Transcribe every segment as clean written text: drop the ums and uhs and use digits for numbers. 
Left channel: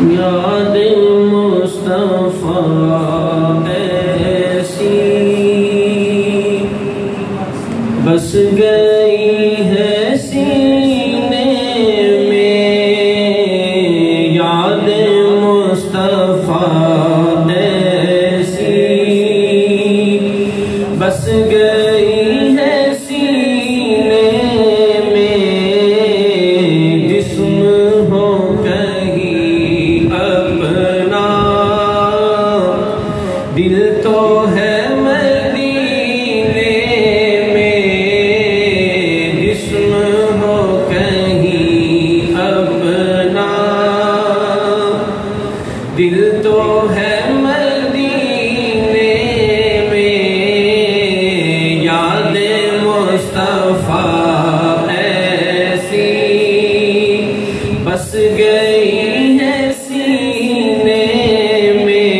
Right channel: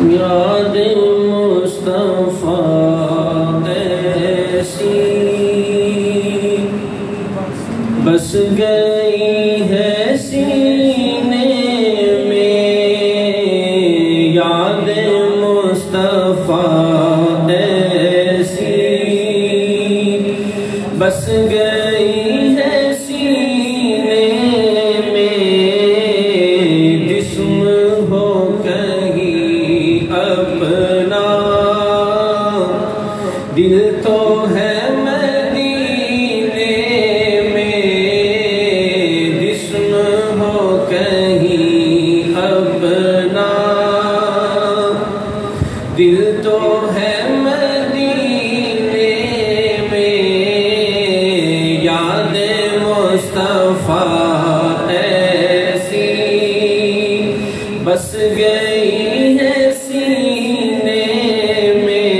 یاد مصطفیٰ ایسی بس گئی ہے سینے میں، یاد مصطفیٰ ایسی بس گئی ہے سینے میں، جسم ہو کہیں اپنا دل تو ہے مدینے میں، جسم ہو کہیں اپنا دل تو ہے مدینے میں، یاد مصطفیٰ ایسی بس گئی ہے سینے میں،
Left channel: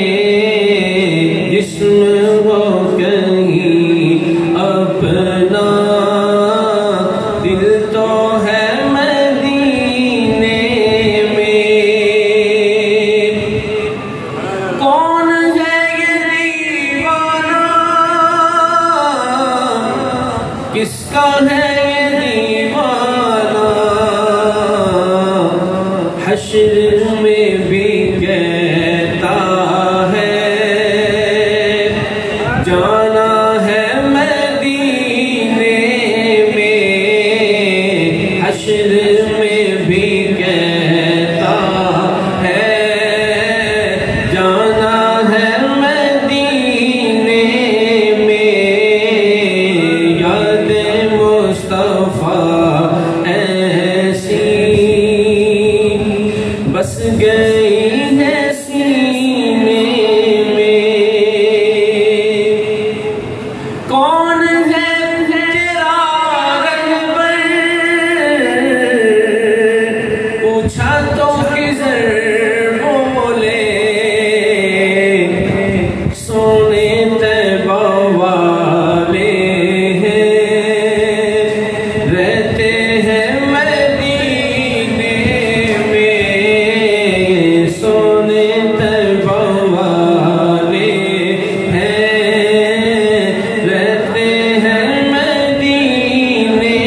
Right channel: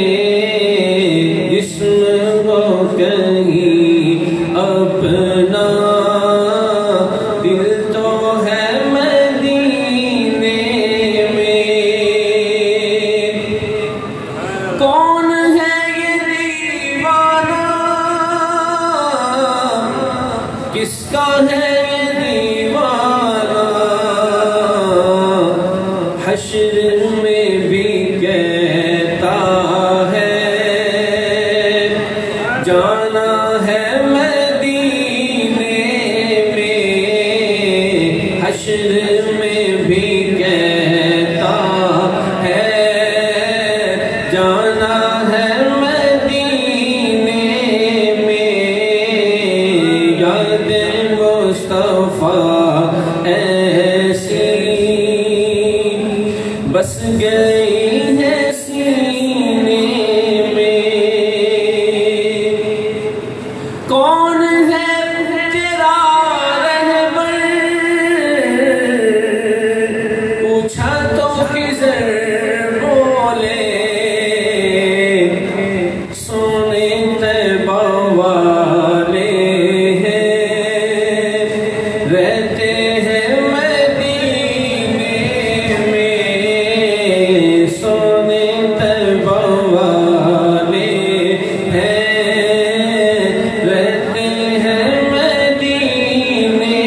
جسم ہو کہیں اپنا دل تو ہے مدینے میں۔ کون ہے یہ دیوانہ، کس کا ہے یہ دیوانہ، حشر میں بھی کہتا ہے جانا ہے مدینے میں، حشر میں بھی کہتا ہے جانا ہے مدینے میں، یاد مصطفیٰ ایسی بس گئی ہے سینے میں۔ کون ہے تیرا رہبر، پوچھا تو خضر بولے، سونے طیبہ والے ہیں، رہتے ہیں مدینے میں، سونے طیبہ والے ہیں، رہتے ہیں مدینے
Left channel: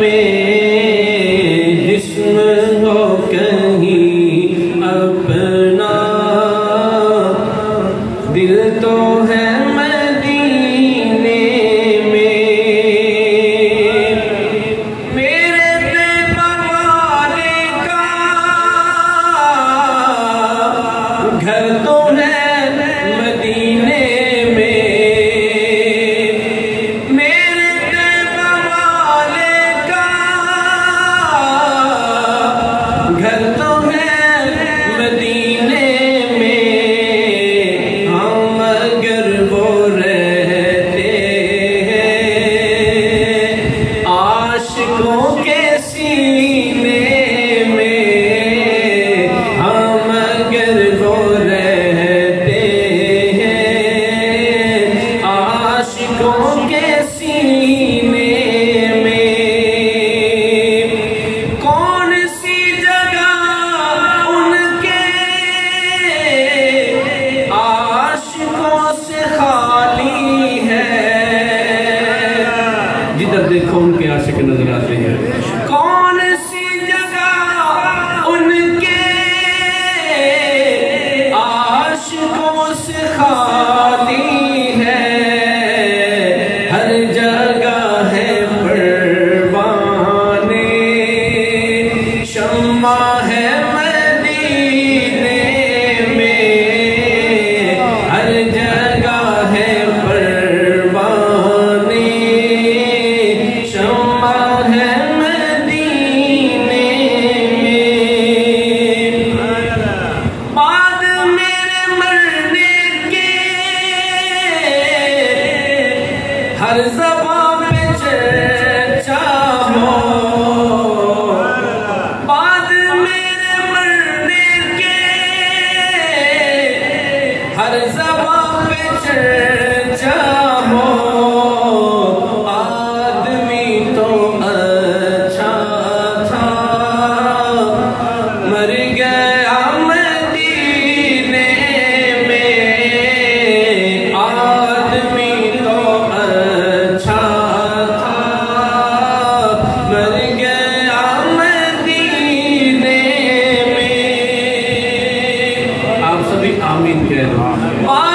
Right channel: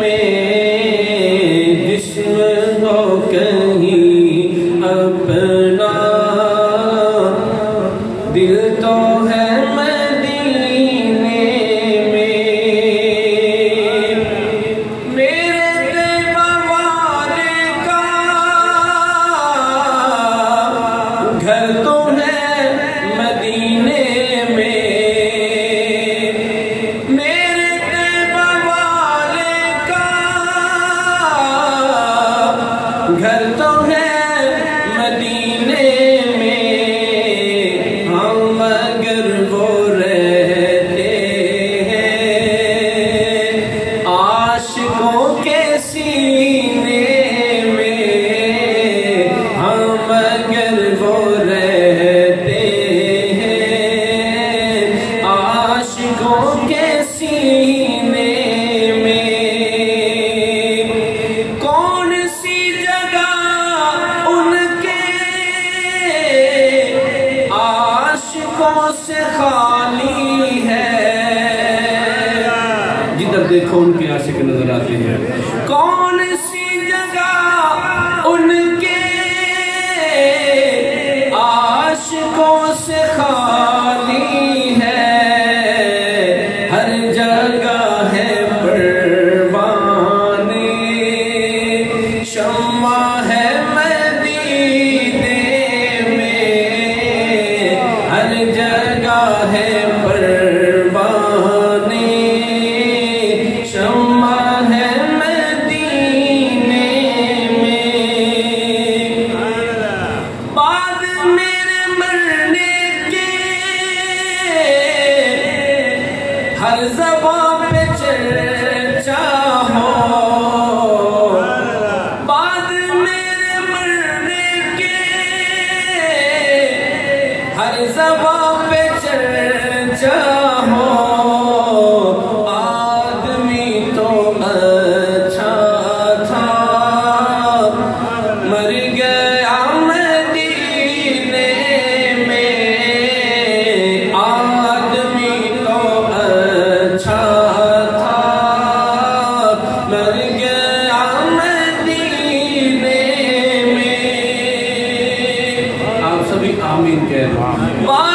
میں، جسم ہو کہیں آمین کہہ دو